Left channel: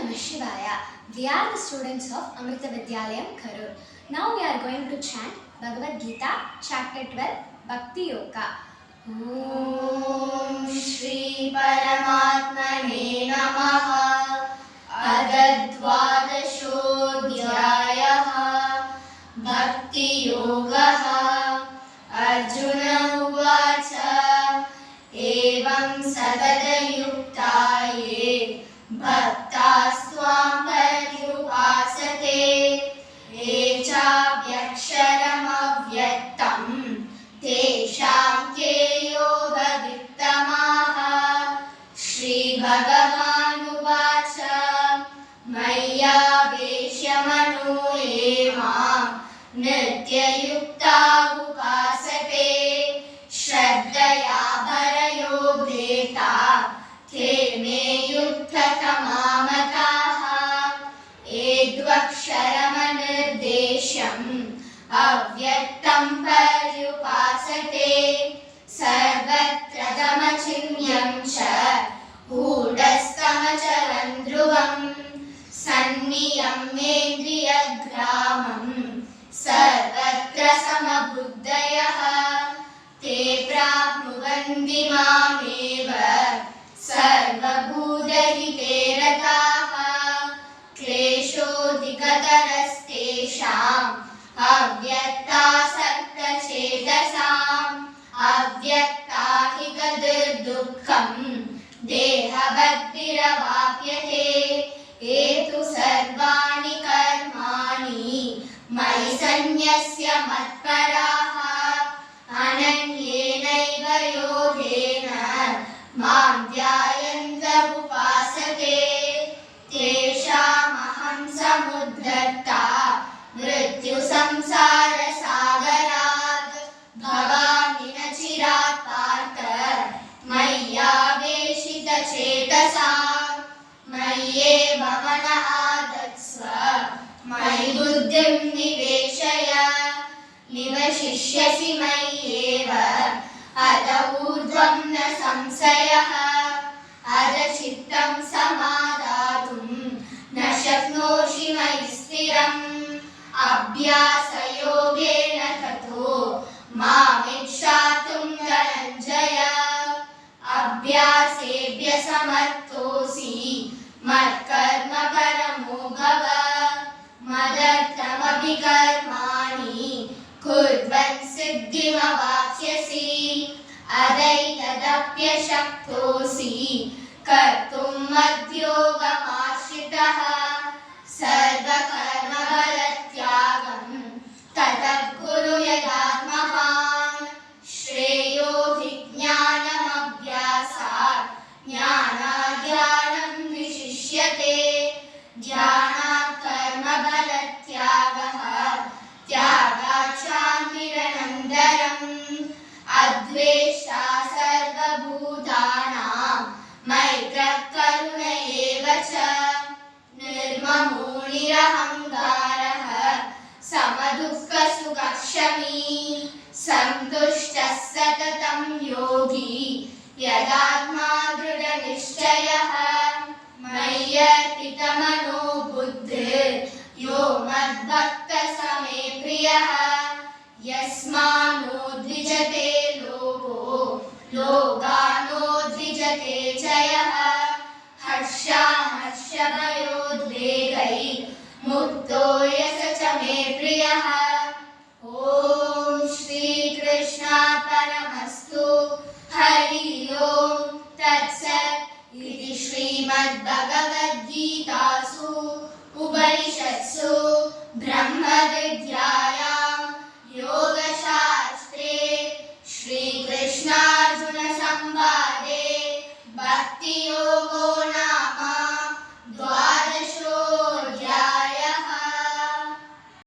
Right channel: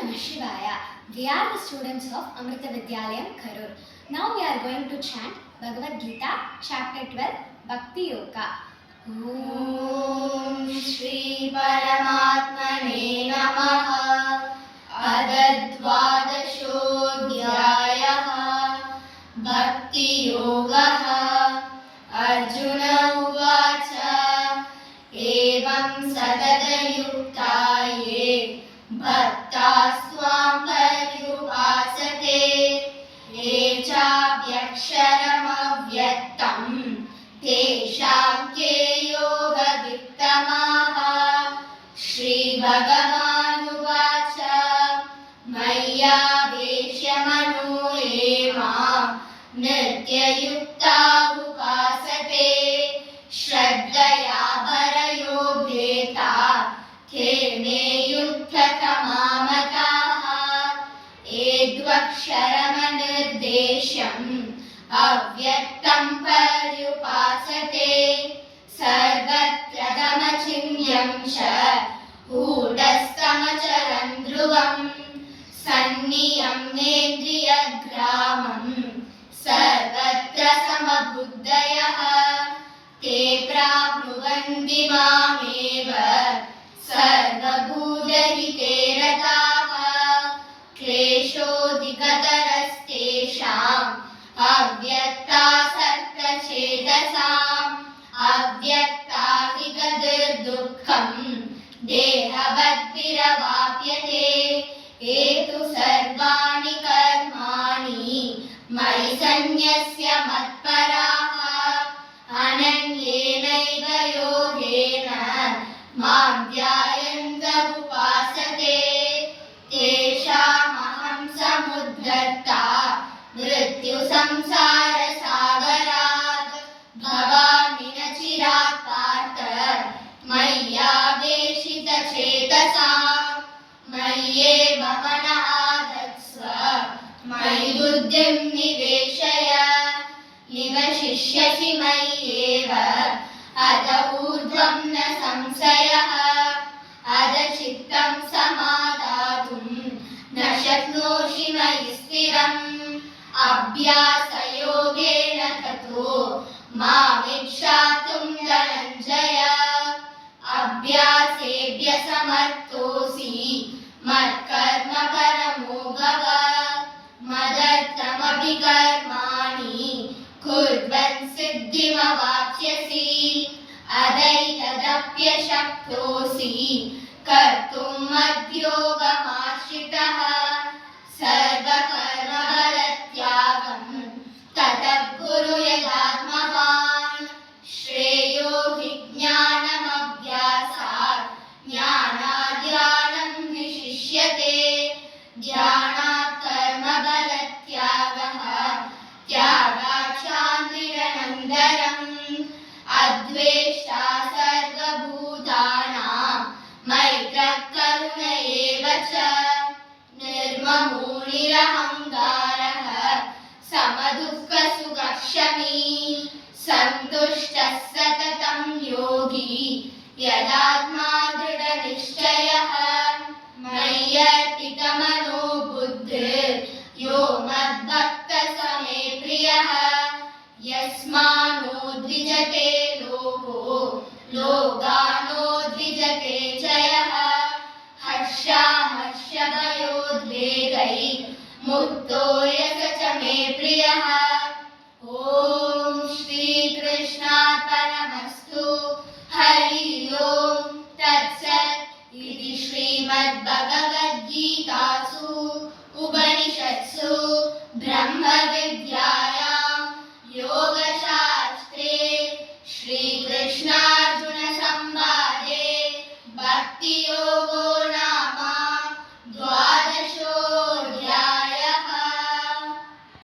Namah Shivaya. We are the students of Amrita Vidyalayam, Karur. Now we are going to chant Bhagavad Gita, chapter 12, Bhakti Yoga. Om Shri Paramatmane Namaha. Adadvadashodhyayaha Bhakti Yogaha. Arjuna Uvacha Evam Sadadayuktaye Bhaktastvam Paryupasate Echabhyaksharamavyatam Tesham ke yoga vittamaha. Shri Bhagavan Uvacha Maya Veshamano Emam Nityayukta Upasate Shraddhaya Bharayo Bheta Te me yuktatamamataha. Edvaksharamanirdesham Avyaktam Paryupasate Sarvatra Dhamachingyam Cha Hudastamacharan Dhruvam Sanniyam Nendriyagramam Sarvatra Samabuddhayaha Te prapnuvanti mameva Sarvabhutahite rataha. Kleshodikatarastesham Avyaktasartachedasam Avyaktahigadirdukkam Dehabhadviravapyate. Etu sarvani karmani Mayi sanyasya matparaha. Ananyenaiva yogena Mam dhyayanta upasate. Teshamaham samuddrata Mrityu samsara sagarat. Bhavami nachirat partha Maya veshita chetasam. Mayyeva mana adatsva Mayi buddhim niveshaya. Nivashishyasi mayyeva Ada urdhvam na samsayaha. Ada chittam samadatum Na shaknoshi mayi stiram. Abhyasa yogena tato Mamikshātum dhananjaya. Abhyasebhya samarthosi Matkarma paramo bhava. Madarthamabhi karmani Kurvan siddhimavapsyasi. Adaitadapyashaktosi Kartum madhyogamashitaha. Sarvakarma balatyagam Tatat guru yadatmahan. Shreyo vijnanam abhyasat Jnanadhyanam vishishyate. Jnanat karma balatyagaha Tyagat shantiranandaram. Advesha sarvabhutanam Maitrak karuna evacha. Nirmamo nirahangaraha Samadukka sukakshami. Santushtas satatam yogi Yadatma dhrida nishchayaha. Mayyarpitamano buddhir Yo madbhakta same priyaha. Yasmano dvijate loko Logano dvijate chayaha. Harsha harsha bhayodvegai Mukto yasa cha me priyaha.